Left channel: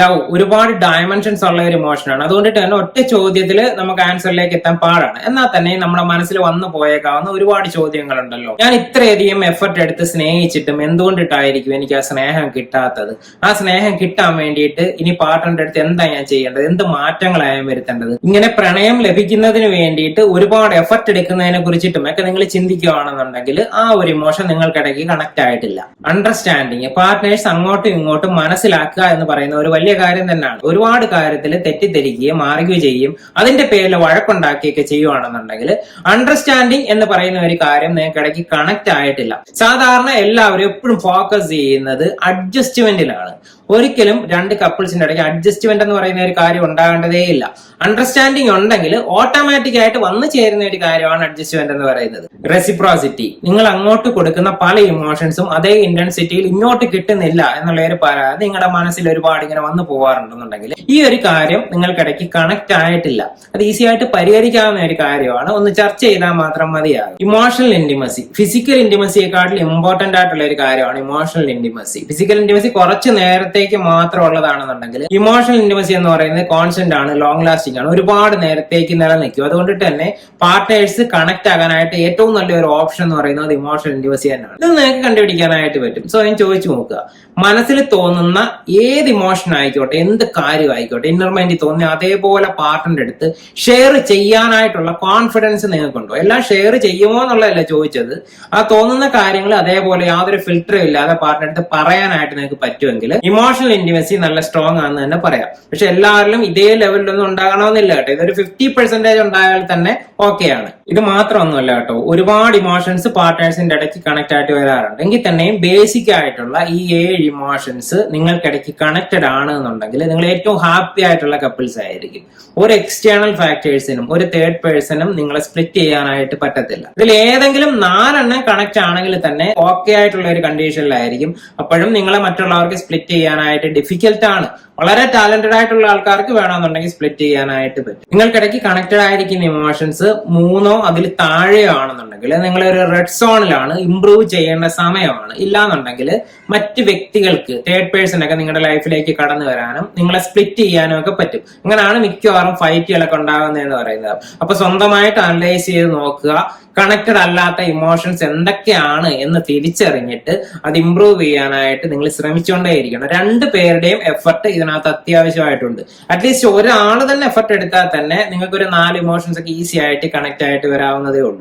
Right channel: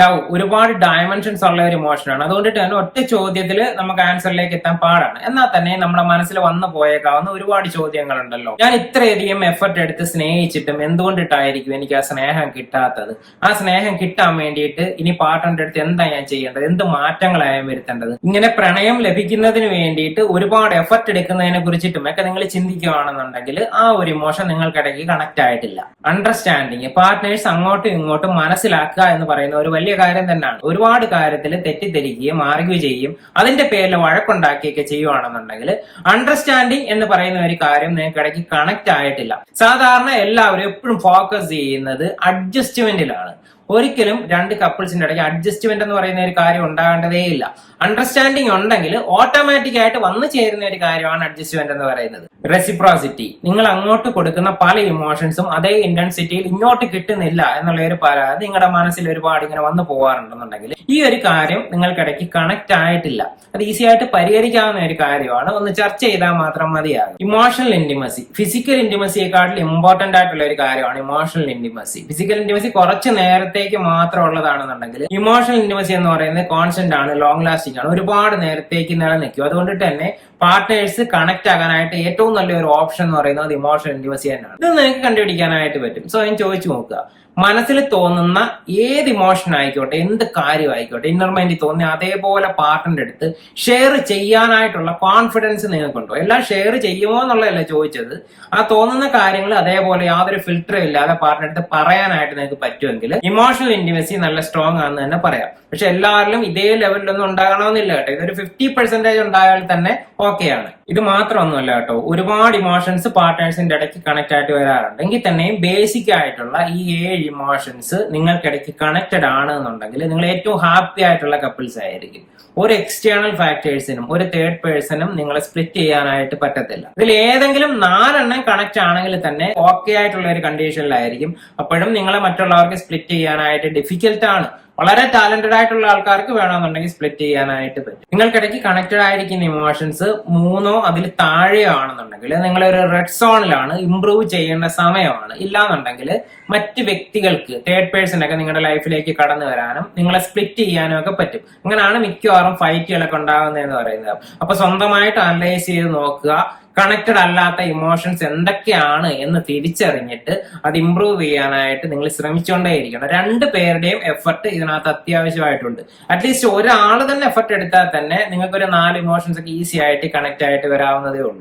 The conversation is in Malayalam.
ലവ് ഒരുപാട് ഡയമെൻഷൻസ് ഉള്ള ഒരു ഇമോഷനാണ്. അതുകൊണ്ടിട്ട് തന്നെ ഒറ്റ ചോദ്യത്തിൽ നമുക്ക് ആൻസറിലേക്ക് എത്താൻ പാടാണ്. എന്നാൽ തന്നെ നമ്മുടെ മനസ്സിൽ വന്നു പോയേക്കാവുന്ന ഒരുപാട് ചോദ്യങ്ങളുണ്ടല്ലോ. ഞാൻ ഇത്രയധികം എഫർട്ട് എടുത്ത് സ്നേഹിച്ചിട്ടും എന്തുകൊണ്ടിട്ടായിരിക്കും എനിക്ക് ആ സ്നേഹം കിട്ടാത്തത്? ആ സ്നേഹം കിട്ടാൻ വേണ്ടിയിട്ട് ഇനി പാർട്ട്ണറുടെ അടുത്ത് എന്താ ഞാൻ ചെയ്യേണ്ടത്? എന്ത് മാറ്റങ്ങളായാലും വരുത്തേണ്ടത്? ഇങ്ങനെ പ്രണയം ലഭിക്കുന്നതിന് വേണ്ടിയിട്ട് ഒരുപാട് എഫർട്ട് എടുക്കുന്നതിനെ കുറിച്ചിട്ടും ഒക്കെ നിങ്ങൾ ചിന്തിക്കുകയാണെന്നുണ്ടെങ്കിൽ ആ ഒരു ഇമോഷൻ നിങ്ങൾക്കിടയ്ക്ക് കണക്ട് ആയിട്ടില്ല. അണ്ടർസ്റ്റാൻഡിങ്, പാർട്ട്നേഴ്സ് അങ്ങോട്ടും ഇങ്ങോട്ടും മനസ്സിലാക്കുക എന്ന് പറയുന്ന ഒരു വലിയ കാര്യം തന്നെയാണ്. ഒരുപാട് കാര്യത്തിൽ തെറ്റിദ്ധരിക്കുകയും ആർഗ്യൂ ചെയ്യും, അതിന്റെ പേരിൽ വഴക്കുണ്ടാക്കിയൊക്കെ ചെയ്യുവാണെന്നുണ്ടെങ്കിൽ അണ്ടർസ്റ്റാൻഡിങ് എന്ന് പറയുന്ന ഒരു കാര്യം നിങ്ങൾക്ക് ഇടയ്ക്ക് കണക്ട് ആയിട്ടില്ല. സാധാരണ എല്ലാവരും എപ്പോഴും ഫോക്കസ് ചെയ്യുന്നത് അഡ്ജസ്റ്റ്മെന്റിലാണ്. ഒരിക്കലും രണ്ട് കപ്പിൾസിന്റെ ഇടയ്ക്ക് അഡ്ജസ്റ്റ്മെന്റ് എന്ന് പറയുന്ന ഒരു കാര്യം ഉണ്ടാകേണ്ടതേ ഇല്ല. അണ്ടർസ്റ്റാൻഡിങ് ഉണ്ടെങ്കിൽ ഓട്ടോമാറ്റിക് ആയിട്ട് വന്നു ചേരുന്ന ഒരു കാര്യമാണ് അഡ്ജസ്റ്റ്മെന്റ് എന്ന് പറയുന്നത്. റെസിപ്രോസിറ്റി, നിങ്ങൾ അങ്ങോട്ട് കൊടുക്കുന്ന പല ഇമോഷൻസും അതേ ഇന്റൻസിറ്റിയിൽ ഇങ്ങോട്ട് കിട്ടുന്നില്ല എന്നുള്ള ഒരു പരാതി നിങ്ങളുടെ മനസ്സിൽ ഒരുപാട് ഇങ്ങനെ വന്നു പോകാറുണ്ടെന്നുണ്ടെങ്കിൽ ഈ ഒരു കാര്യം നിങ്ങൾക്കിടയ്ക്ക് കണക്ട് ആയിട്ടില്ല. അത് ഈസി ആയിട്ട് പരിഹരിക്കാവുന്ന ഒരു കാര്യമാണ്. ഒന്ന് ചർച്ച ചെയ്താൽ മാത്രം മതിയാകും. ഇമോഷണൽ ഇന്റിമസി, ഫിസിക്കൽ ഇന്റിമസിയെക്കാട്ടിൽ ഇമ്പോർട്ടന്റ് ആയിട്ടുള്ള ഒരു കാര്യമാണ് ഇമോഷണൽ ഇന്റിമസി. ഫിസിക്കൽ ഇന്റിമസി കുറച്ച് നേരത്തേക്ക് മാത്രം ഉള്ളതാണെന്നുണ്ടെങ്കിൽ ഇമോഷണൽ ഇന്റിമസി എന്ന് പറയുന്നത് കോൺസ്റ്റന്റ് ആണ്, ലോങ് ലാസ്റ്റിംഗ് ആണ്, ഒരുപാട് നേരത്തേക്ക് നിലനിൽക്കും. അതുകൊണ്ടിട്ട് തന്നെ പാർട്ട്നേഴ്സ് കണക്ട് ആകാനായിട്ട് ഏറ്റവും നല്ലൊരു ഓപ്ഷൻ എന്ന് പറയുന്നത് ഇമോഷണൽ ഇന്റിമസി തന്നെയാണ്. ഇത് നിങ്ങൾക്ക് കണ്ടുപിടിക്കാനായിട്ട് പറ്റും. സോ ഞാൻ ചോദിച്ചു നോക്കുക, മനസ്സിൽ തോന്നുന്ന ഏത് ഇമോഷൻ ആയിക്കോട്ടെ, എന്ത് കാര്യം ആയിക്കോട്ടെ, ഇന്നർ മൈൻഡിൽ തോന്നിയ അതേപോലെ പാർട്ട്ണറുടെ അടുത്ത് ഷെയർ ചെയ്യാനായിട്ടുള്ള കോൺഫിഡൻസ് നിങ്ങൾക്കുണ്ടോ? എല്ലാം ഷെയർ ചെയ്യുമോ എന്നുള്ളതല്ല ചോദിച്ചത്. ആ തോന്നുന്ന കാര്യങ്ങൾ അതേപോലെ യാതൊരു ഫിൽറ്ററും ഇല്ലാതെ പാർട്ട്ണറുടെ അടുത്ത് പറയാനായിട്ട് നിങ്ങൾക്ക് പറ്റുമെങ്കിൽ ഇമോഷണൽ ഇന്റിമസി നല്ല സ്ട്രോങ് ആണെന്ന് തന്നെ പറയാം. പക്ഷെ എല്ലാവരിലും ഇതേ ലെവലിലൊന്നും ഉണ്ടാകണമെന്നില്ല കേട്ടോ. ഇതൊരു 50% ഉണ്ടായാൽ തന്നെ ഓക്കെയാണ്. ഇത് മാത്രമൊന്നുമല്ല കേട്ടോ, ഒരുപാട് ഇമോഷൻസ് പാർട്ട്നേഴ്സിന്റെ ഇടയ്ക്ക് കണക്ട് ആയിട്ട് വരാറുണ്ട്. എങ്കിൽ തന്നെയും ബേസിക് ആയിട്ടുള്ള ഈ 7 ഇമോഷൻസ് നിങ്ങൾക്കിടയ്ക്ക് കണക്റ്റഡ് ആണ് എന്നുണ്ടെങ്കിൽ നിങ്ങൾ ഏറ്റവും ഹാപ്പി ആയിട്ടുള്ള കപ്പിൾസ് ആയിരിക്കും. ഒരു എക്സ്റ്റേണൽ ഫാക്ടേഴ്സിനും ഒരു തേർഡ് പേഴ്സണും നിങ്ങളെ സ്പ്ലിറ്റ് ചെയ്യാനായിട്ട് പറ്റത്തില്ല. ഇതിൽ ഏതെങ്കിലും 4 കണക്ട് ആണെങ്കിൽ തന്നെ ഓക്കെ ആയിട്ടുള്ള ഒരു കണ്ടീഷനിലായിരിക്കും. അപ്പോഴും നിങ്ങളെ മറ്റുള്ളവർക്ക് സ്പ്ലിറ്റ് ചെയ്യാനായിട്ട് ഡിഫിക്കൽട്ട് ആണ്. വളരെ ടാലന്റഡ് ആയിട്ടുള്ള ആൾക്കാർക്ക് വേണമെന്നുണ്ടെങ്കിൽ സ്പ്ലിറ്റ് ചെയ്യാനായിട്ട് പറ്റും. നിങ്ങൾക്കിടയ്ക്ക് കണക്റ്റഡ് ആയിരിക്കുന്ന ഇമോഷൻസ് 3 അതിൽ താഴെയോ ആണെന്നുണ്ടെങ്കിൽ നിങ്ങൾ ഒരു റെഡ് സോണിലാണ്, ഇംപ്രൂവ് ചെയ്യേണ്ട സമയമാണ്. ഇല്ലാന്നുണ്ടെങ്കിൽ മറ്റ് വ്യക്തികൾക്ക്, തേർഡ് പേഴ്സൺ ഒക്കെ നിങ്ങളുടെ ലൈഫിലേക്ക് കടന്നു വരാനും നിങ്ങളെ സ്പ്ലിറ്റ് ചെയ്യാനും ഒക്കെ പറ്റും. അങ്ങനെയാണ് മിക്കവാറും ഫൈറ്റുകളൊക്കെ ഉണ്ടാകുന്നതെന്ന് പറയുന്നത്. അപ്പൊ സ്വന്തമായിട്ട് അനലൈസ് ചെയ്ത് നോക്കുക, കണക്റ്റഡ് അല്ലാത്ത ഇമോഷൻസ് എന്തൊക്കെയാണ് എന്ന് തിരിച്ചറിഞ്ഞിട്ട് അത് ഇംപ്രൂവ് ചെയ്യാനായിട്ട് നിങ്ങൾ ശ്രമിച്ചുകൊണ്ടേയിരിക്കണം. 2 പേരുടെയും എഫർട്ട് ഇതിനകത്ത് അത്യാവശ്യമായിട്ടുണ്ട്. അറ്റ്ലീസ്റ്റ് ഒരാൾ തന്നെ എഫർട്ട് എടുത്താൽ തന്നെ നിങ്ങൾക്ക് ഒരു 4 ഇമോഷൻസ് ഒക്കെ ഈസി ആയിട്ട് കണക്ട് ആയിട്ട് വരാവുന്നതേ ഉള്ളൂ.